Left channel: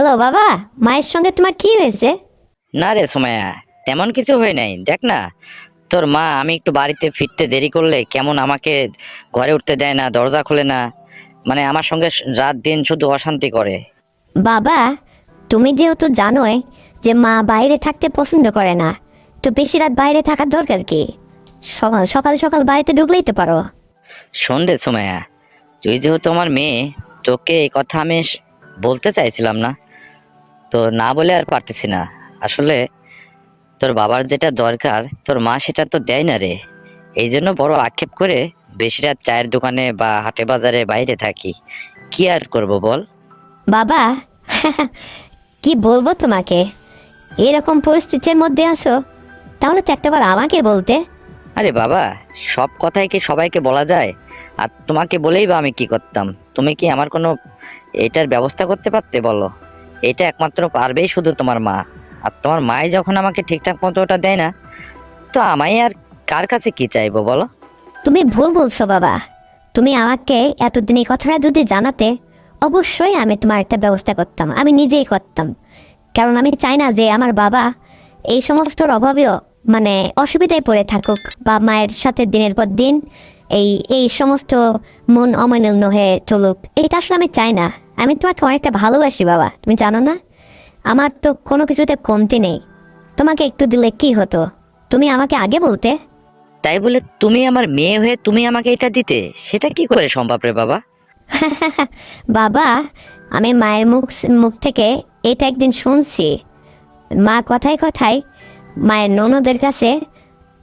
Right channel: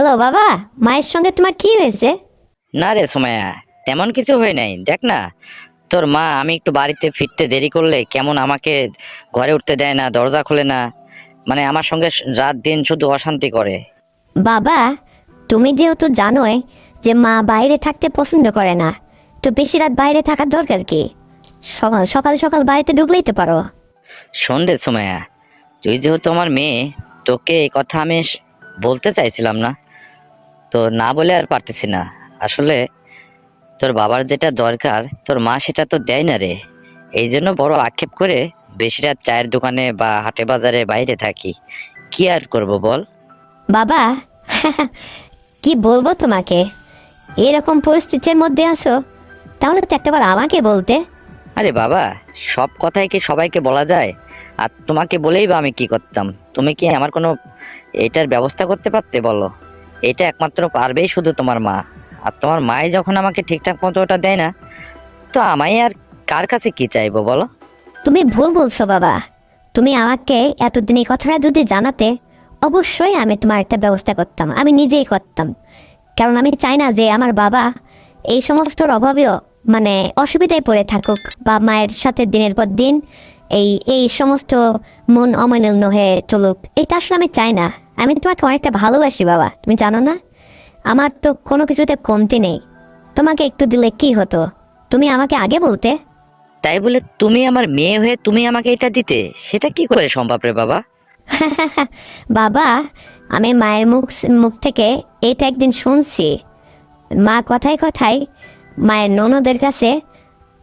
Hello বাবা, মায়ের সঙ্গে তোমার কি হয়েছে? না রে সুমাইয়া, তেমন কিছু হয় নাই। দেখ না, তোর মা আমি একটু বাড়িতে ফিরতে দেরি করলে কেমন আমাকে ঘরে উঠতে দেয় না, দরজা খুলে না। মানে আমার সঙ্গে রাত দিন শুধু অশান্তি করে। বাবা, তুমি যেহেতু জানোই যে মা বাইরে থাকতে পছন্দ করে না, তো বেশি রাত বাইরে থাকার দরকার কি? সকাল সকাল সকাল বাড়িতে ঢুকলেই তো পারো। শোন রে সুমাইয়া, তুই যেহেতু আমার মেয়ে, তোকে এই কথা আমি বলতে চাইছিলাম না, তো না বলে আর পারতেছি না। আসলে তোর বাবার যেটা দরকার তোর মা সেটা তো দেয় না রে। এই জন্য বড় আক্ষেপ করে বেশি রাত চায়ের দোকানে বা হাটে বাজারে বাইরে থাকি। কি আর করব বল। বাবা, কি বলবো তোমাকে, এরকম পরিস্থিতির মধ্যে আছো, তাহলে তো একবার আমাকে বলতে। আরে বাবা, সব কথাই কি সবাইকে বলা যায়? আর তোমাকে বলেই বা আমি কি করতাম? তুমি কি আমার কোনো এটার ব্যবস্থা করতে পারতে বলো? এটা একমাত্র পারবেই শুধু তোমার মা। আর তোমার মাই যখন আমাকে ঠিকঠাক মতো ওটা দেয় না, তো আমায় আর কার কাছে কি চাইবো বলো? তুমি ভুল বলছো বাবা। তুমি আমাকে এতদিন এই কথাটা যদি জানাতে, অবশ্যই আমি তোমার একটা ব্যবস্থা করতাম, আমি নিজেই করতাম। কারণ আমি চাই না যে আমার বাবা এই সমস্তর অভাবেও মানে অসুবিধায় পড়ে থাকুক, বা মায়ের সাথে দিনের পর দিন এই এই সমস্ত মন অমান্য হয়ে চলুক। এটা আসলে আমি চাই না। আমি তোমাকে অনেকটা ভালোবাসি বাবা, তুমি জানো না? আমার তো কোনো কিছুতে কমতি নেই। তোমাকে একটু দিলে কি হতো? তুমি আমাকে আগে বলতে। তাই বলে তুমি আমার মেয়ে হয়ে তুমি আমাকে এটা দিতে, সেটা কি করে সম্ভব রে বাবা? বাবা, আমি মায়ের মুখ মুখ থেকে এটা একদিন শুনছি। মা কথায় কথায় মায়ের ননদের কাছে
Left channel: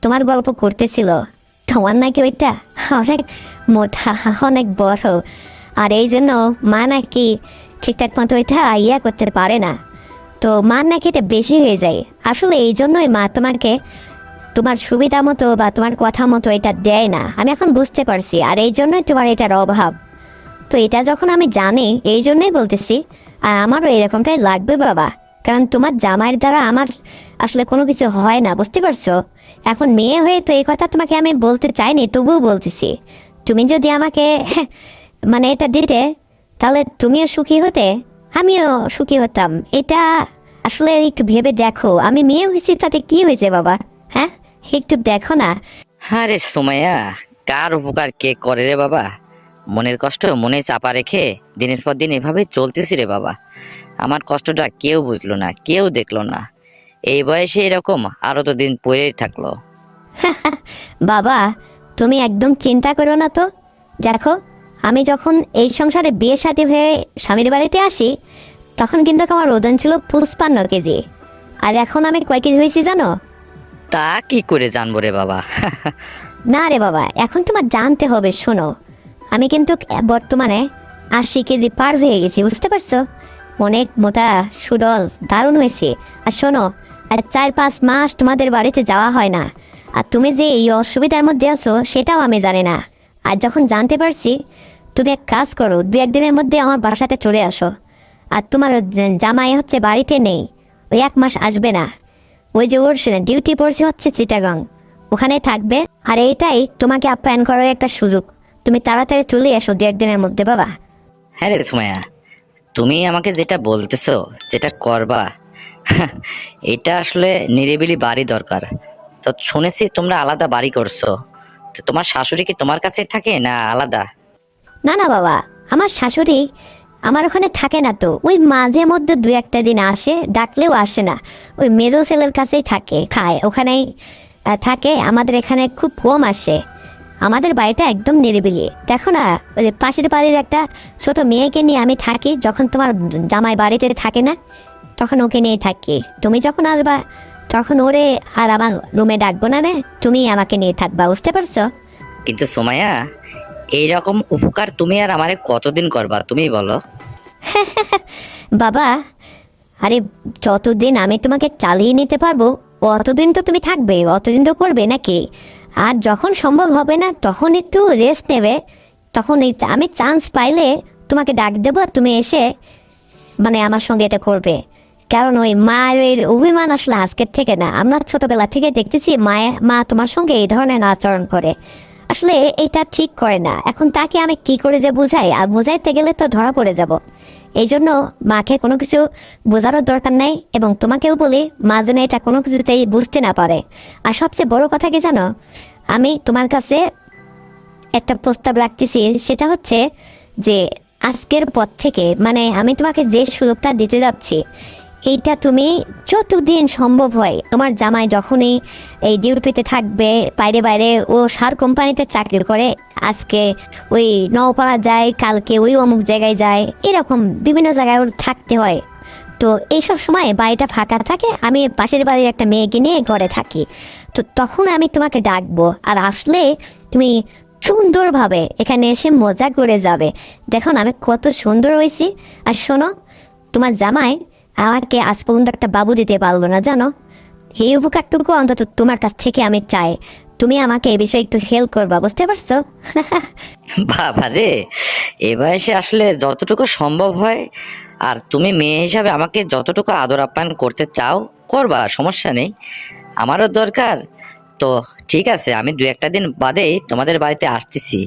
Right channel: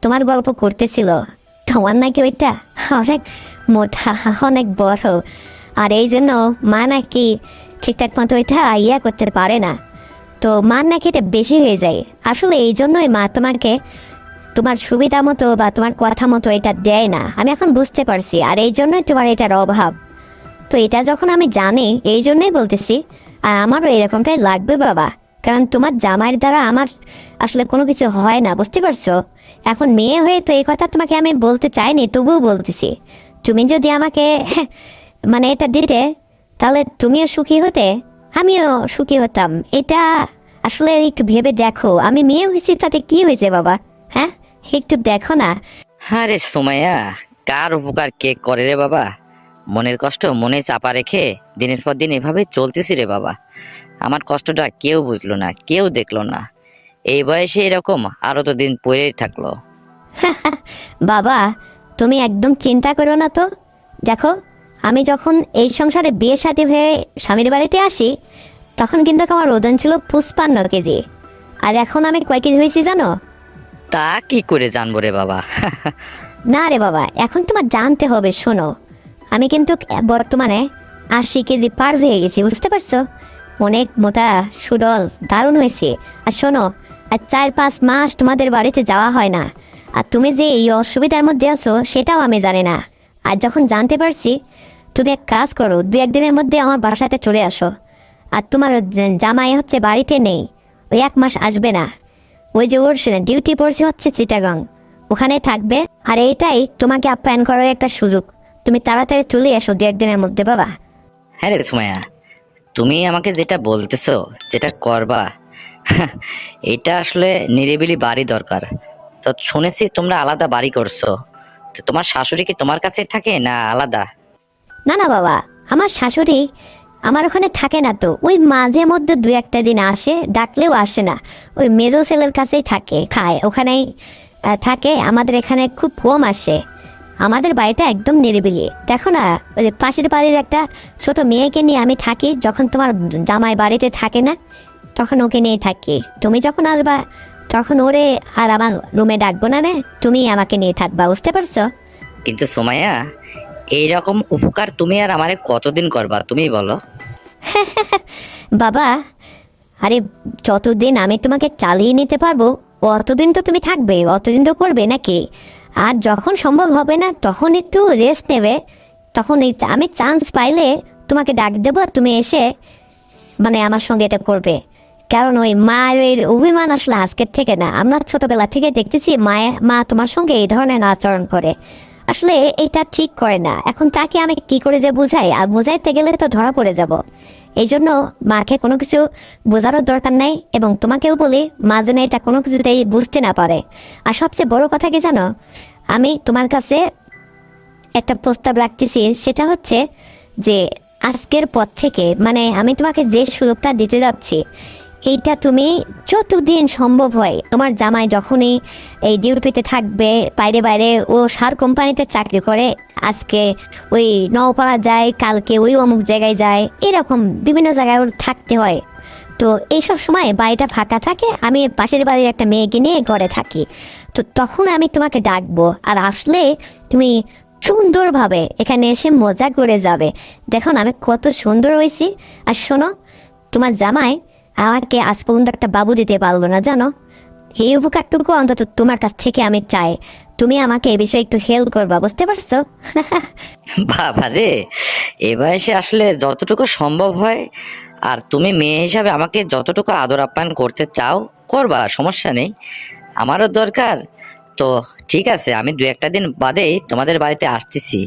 তোমার গল্প করতেছিল। তোমার নাকি ওইটা অনেক মোটা, অনেক বড়, আর এই জন্য মা নাকি ঠিকঠাক মতো ওইটা করতে পারে না। তো মার নাকি এটা বেশি হয়ে যায়। আসলে এই জন্যই মা তোমাকে তোমার সুবিধা মতো বা তোমার কথা মতো এটা দেয় না, আমি এখন বুঝতে পারছি। আর এই জন্যই তোমার এটার অভাব। তো এটা যখন আমি জানি, এই জন্যই বলতেছি। আর আমারও এরকমটাই লাগবে বাবা, কারণ তোমার জামাইয়ের দ্বারা আমার আসলে কোনো কিছু হয় না, বুঝতে পারছো? এখন মেয়ে হয়ে তো এই কথা তোমাকে আমি বলতে চাইনি, তবুও বলতেছি। তুমি যদি আমাকে মানে এটা দিতে, তাহলে তুমিও সুখী হতে, আমিও সুখী হতাম। এটা আসলে একটু ভেবে দেখো, আমি মেয়ে হয়েছি তাতে কি হয়েছে বাবা? হ্যাঁ, একটু দেখো না। আরে সুমাইয়া, কার উপকার কে করে রে বাবা? মনের কষ্ট মনে চাপা রেখে দিনের পর দিন এভাবে চলতেছি রে বাবা। আমার কষ্টটা কেউ বুঝলো না, কেউ দেখলো না। এই বয়সে এরকম আরো তো দিন পড়েই থাকলো। বাবা, তুমি একদম চিন্তা করো না তো। দেখো, আমি যখন এই সংসারে বিয়ে শাদী হয়ে স্বামীর বাড়িতে আসি, তখন কিন্তু আমার ওজন ছিল 55 কেজি। আর এখন আমি কয় কেজি হয়েছি জানো? তা কি করে জানবো রে বাবা? না রে বাবা, এখন তোমার জানতে হবে, শোনো। আমি কিন্তু বর্তমানে 80 কেজি পার হয়ে গেছি, বুঝতে পারছো? অনেক মোটা, সুডল, দারুণ হয়েছি। আর শোনো, আর 4-5 মাস তোমাদের বাড়িতে যাওয়া হয় না। আর তুমি যে এই অসুবিধার মধ্যে আছো সেটাও আমি জানি না। আর যখন জানতে পারছি, তুমি এক কাজ করো, 2-1 দিনের মধ্যে আমার বাসাতে চলে আসো। আর তোমার জামাই হচ্ছে বাড়িতে নেই, ওই 1 মাস আসবে না। ওই যে ওর ডিউটি পড়ছে হচ্ছে চিটাগাং, ওখানে থাকবে। আর এইটাই তোমাকে আপ্যায়ন করার একটা সুযোগ। তুমি তাড়াতাড়ি চলে এসো 2-1 দিনের মধ্যে বাবা। হ্যাঁ রে সুমাইয়া, তুমি আমাকে যেটা বলতেছো, যেটা করবা, এটা আসলে নিরিবিলি বাড়ি দরকার। তো শুনেছি তোমরা আলাদা বাড়ি করছো, তো তোমার শাশুড়ি কি তোমার কাছে থাকে না আলাদা? না না বাবা, আমার শাশুড়ি আমার ওখানে থাকে না তো, ওই মাঝে মধ্যে 2-1 দিন আসে, ডাকলেও আসে না। ওই মেজো ছেলের কাছেই থাকে, খায় ওখানেই থাকে। আমাদের এখানে খুব কম আসে। আমাদের বাড়িটা একদম নিরিবিলি। দেখো না, ওই পাশের বাড়ির একটা ছোট মেয়েকে নিয়ে আমি থাকি। যখন তোমার জামাই বাড়িতে থাকে না, তখন ওকে নিয়ে থাকি। তুমি যখন আসবা, তখন ওরে আর আমার রুমে ডাকবো না রে, তুমি আমাকে নিয়ে থাকবা, বুঝতে পারছো? কিন্তু সুমাইয়া, এইরকম উপকার তুমি আর আমারে কতদিন করবা তুমি বলো? বাবা, আরে যতদিন আমি তোমাকে চালিয়ে নিতে পারবো, অতদিন তো তুমি থাকবে, অতদিন তো করবে নাকি? আর যখন সম্ভব হবে না, তখন একটু রেস্ট নেবে। তখন আমি চান্স পাইলে তোমাকে ডাক দেবো, তুমি এসে মানে আমার সঙ্গে এটা করবে। কারণ ওই মায়ের অভিমান আসলে আজকের থেকে না, আমরা ছোটবেলা থেকে দেখতেছি মা তোমার সঙ্গে এই ধরনের আচরণ করে। আসলে এটা ঠিক করে না। এখন তাকে আমি কি করে যে বুঝাই, আর বুঝাইতে গেলে তো ধরা পড়ে যাব। এই জন্য মাকে কোনো কিছু বোঝানোর দরকার নেই, এবং তোমাকেও বলি মা যেন এটা কোনো কিছুতেই বুঝতে না পারে। আর সবচেয়ে বড় কথা কি জানো, আমি তোমার কাছে একটা প্রস্তাব রাখতেছি, সেটা হচ্ছে যে আজকের পর থেকে মানে আমি তোমাকে যে সুযোগটা দিতে যাচ্ছি, এইটা তুমি যতদিন সম্ভব হয়, তোমার জামাই যখনই এই ডিউটিতে থাকবে বাইরে বাইরে, ও সার কোম্পানিতে চাকরি করে, আজকে ওই নওপাড়া যায়, কালকে ওই অমুক জায়গায় যায়, এরকম বিভিন্ন জায়গায় ওর থাকতে হয়। তো এইসব সময় বাড়িটা ফাঁকা থাকে, আমি পাশের বাড়ির একটা মেয়েকে নিয়ে ঘরে থাকি। তো তখন আমি তোমাকে ডাকবো, আর আসলে তুমি সুন্দরভাবে এখানে এসে মজা করে যাবে। দেখো না আমি কত সুন্দর হয়েছি। আর শোনো, তোমার জামাই আমাকে আজ পর্যন্ত একটা বাবু দিতে পারলো না জানো। এই উপকারটুকু অন্তত তোমার কাছ থেকে আমি চাই, তুমি আমাকে এই বিষয়ে একটু হেল্প করবা, বুঝতে পারছো? বাবা রে, এ বয়সে আসলে যতটুকু সম্ভব হয়, আর তুমি মেয়ে হিসাবে আমাকে যতটুকু আদর আপ্যায়ন করতে চাও করবা, সমস্যা নেই, আমারও দরকার। তো ঠিক আছে, আমি দু একটা দিন বাদেই তোমাদের বাড়িতে আসতেছি।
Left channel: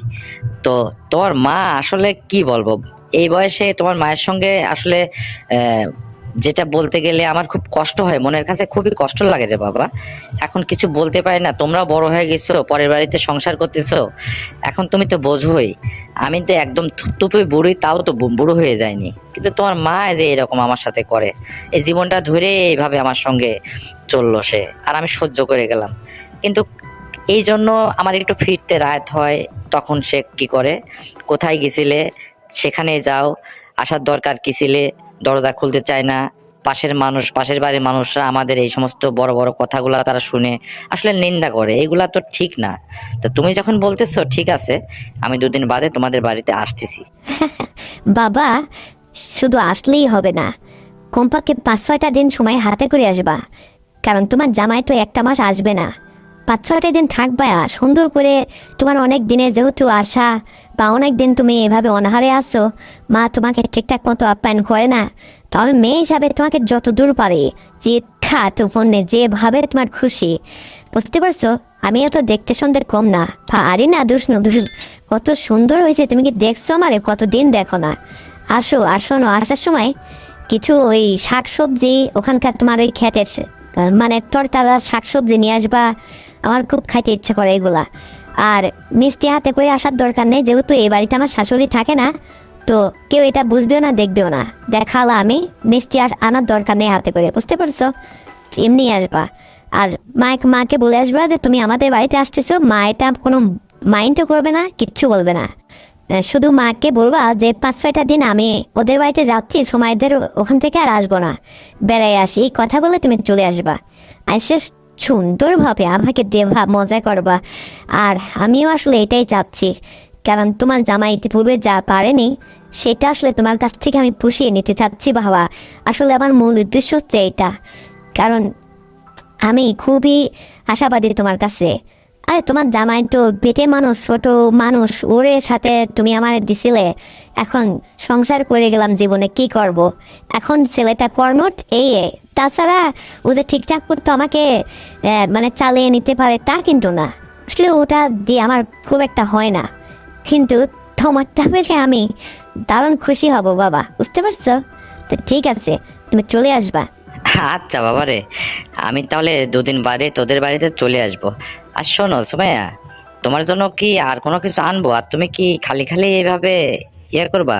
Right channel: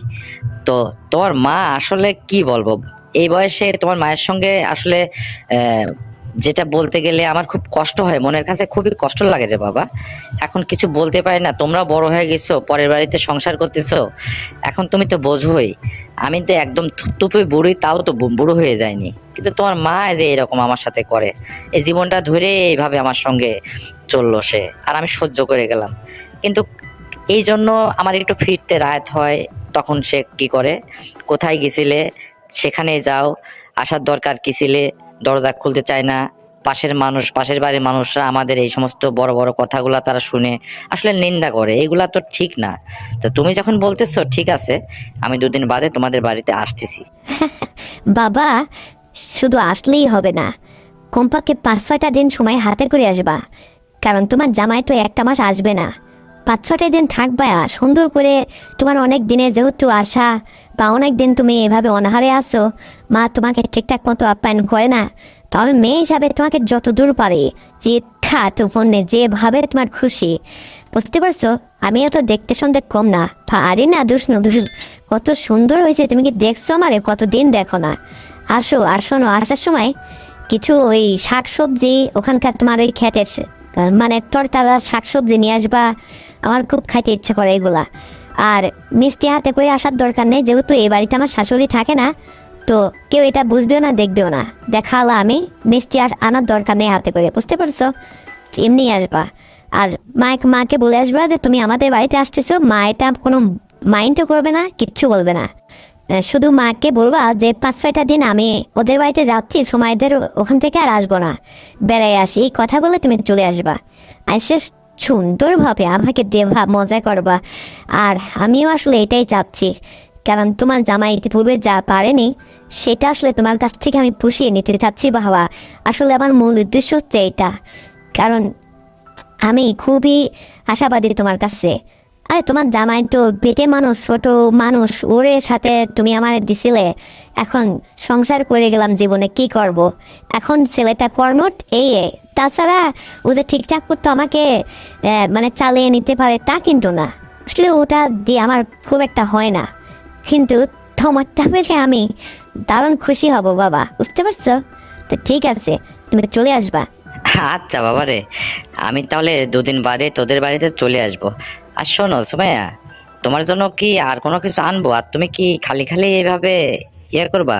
তো তোর মা আসলে কি বলবো, এই বয়সে তোমার মায়ের সঙ্গে আসলে আহ, যেটা বলতে গেলে আমার খুব কষ্ট হয়, মনের কাছে খুবই কষ্ট লাগে রে বাবা। এখন কিছু বলতে পারি না, তোমরা বড় হয়ে গেছো, পরের বাড়িতে সংসার করতেছো, এখন তুমি তো বোঝোই। আমি তো একদম থুপথুপে বুড়ি, তাও তো বুড়ো হয়ে যায়নি, কিন্তু তোমার মা যে এরকম আমার সাথে করে, এই জীবনটা ধরে এইভাবে আমার সঙ্গে চললো সে, আর আমি সহ্য করে গেলাম। কিন্তু এই জন্য আমার একটু ফিরতে রাত হয়, তখন সে কি করে, কোথায় গেছিলে, সেখানে যাও, আসার দরকার কি ছিলে, দরজা খুলতে চায় না। পাশের মানুষ, পাশের বাড়ির মানুষরা আমাদের এই সমস্ত বড় বড় কথাগুলা তারা শুনে আসলে নিন্দা করে, এগুলা তো ঠিক না। তো তুমি যখন বলতেছো ঠিক আছে, আমি দুদিন বাদে তোমাদের বাড়িতে আসতেছি। বাবা, শুধু আসলেই হবে না, কমপক্ষে 5-6টা দিন সময় হাতে করে আসবা। কারণ তোমার জামাই তো একটা মাস আসবে না, 5-6টা দিন থাকবা সুন্দর করে। তোমার অনেক দিনে যেহেতু আসা, বা অনেক দিন তুমি এভাবে অনাহারে আছো, মা তোমাকে ঠিকঠাক মতো আপ্যায়ন করে না। তবে মেয়ে হিসাবে তোমাকে যত দূর পারে চিৎখা তুফনে যেভাবে তোমার খুশি, বুঝতে পারছো? আমি এত দেখতে শুনতে কম না, আরে না দোষ না দোষ। কত সুন্দর হয়েছে, তুমি কি দেখছো আমারে? কতদিন দেখো না। আসো আর শোনো, আসার সময় কিছু ওই শাকসবজি ওখানকার তোমার ওই খেতের মানে তরতাজা শাকসবজি নিয়ে আসবা, আমার খুব খাইতে ইচ্ছে করে এগুলা। আর মিষ্টি হাতে করে আসার দরকার নেই, যেহেতু এই বাড়িতে আমার শাশুড়ি থাকে না, তো কেউ এটা বুঝবেও না দেখবেও না। দেখালো আমি মিষ্টি আনার দরকার নেই হাতে করে, বুঝতে পারছো? এমনি আসবা। আর মাকে বলে আসবা যে তুমি আমাদের বাড়িতে আসতেছো, মা এটা কোনো মাইন্ডও করবে না, কিচ্ছু বলবে না। শুধু মাকে বলবা যে 5-6টা দিন আমি ওদের বাড়িতে যাচ্ছি, সময়দের ওখান থেকে আর আসবো না, বেড়াই আসি, কথা বলে তুমি চলে আসবা। এসে সুন্দরভাবে আমাকে দেবা, মজা করবা। আর আমিও আসলে এটাই চাচ্ছি, কারণ তোমার জামাই ইতিপূর্বে যা পারেনি, সেটা আসলে তোমার কাছ থেকে আমি পুষিয়ে নিতে চাচ্ছি বাবা। আসলে আমার মূল উদ্দেশ্য হচ্ছে এটা, কারণ আমি খুবই আশাবাদী তোমার কাছে। আরে তোমার জামাই তো পেটে মানুষ, ছোট মানুষ, ওরে সাথে তুমি আমার দিছিলে, এখন সংসার করে গেলাম জীবনে, কি করব। এখন ছেলেটা কর্মট এই, তাছাড়া ওদের ঠিকঠাক করতে আমাকে মানে চালিয়ে নিতে পারে তা কিন্তু না। আসলে ওটা দিয়ে আমার খুব একটা হয় না, কিন্তু তোমারটা পেলে আমি দারুণ খুশি হব বাবা, বুঝতে পারছো? তো ঠিক আছে, তুমি চলে আসবা। আচ্ছা বাবা রে, আমি তাহলে দুদিন বাদে তোদের বাড়িতে চলে আসবো। আর শোনো সুমাইয়া, তোমার জন্য কি আর কোনো কিছু আনবো? আর তুমি কি খালি খালি এইভাবে ইয়ে করবা?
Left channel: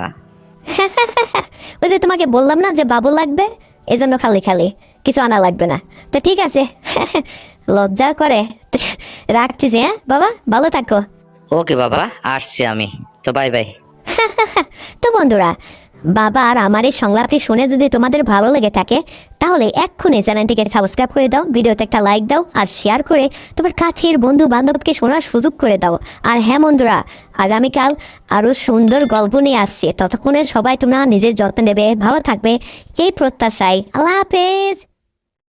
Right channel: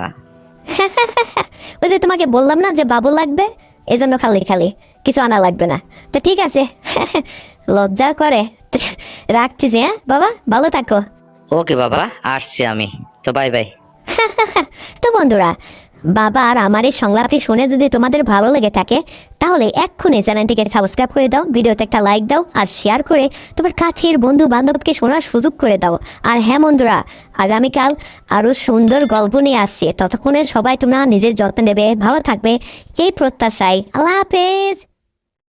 ওই যে তোমাকে বললাম না যে বাবু লাগবে, এজন্য খালি খালি কিছু আনা লাগবে না। তা ঠিক আছে, লজ্জা করে। রাখছি যে, বাবা ভালো থাকো। ওকে বাবা, আসছি আমি, তো বাই বাই। তো বন্ধুরা, বাবা আর আমার এই সংলাপটি শুনে যদি তোমাদের ভালো লেগে থাকে, তাহলে এক্ষুনি চ্যানেলটিকে সাবস্ক্রাইব করে দাও, ভিডিওতে একটা লাইক দাও, আর শেয়ার করে তোমার কাছের বন্ধু বান্ধবকে শোনার সুযোগ করে দাও। আর হ্যাঁ বন্ধুরা, আগামীকাল আরো সুন্দর গল্প নিয়ে আসছে, ততক্ষণে সবাই তোমরা নিজের যত্ন নেবে, ভালো থাকবে, এই প্রত্যাশায়। আল্লাহ হাফেজ।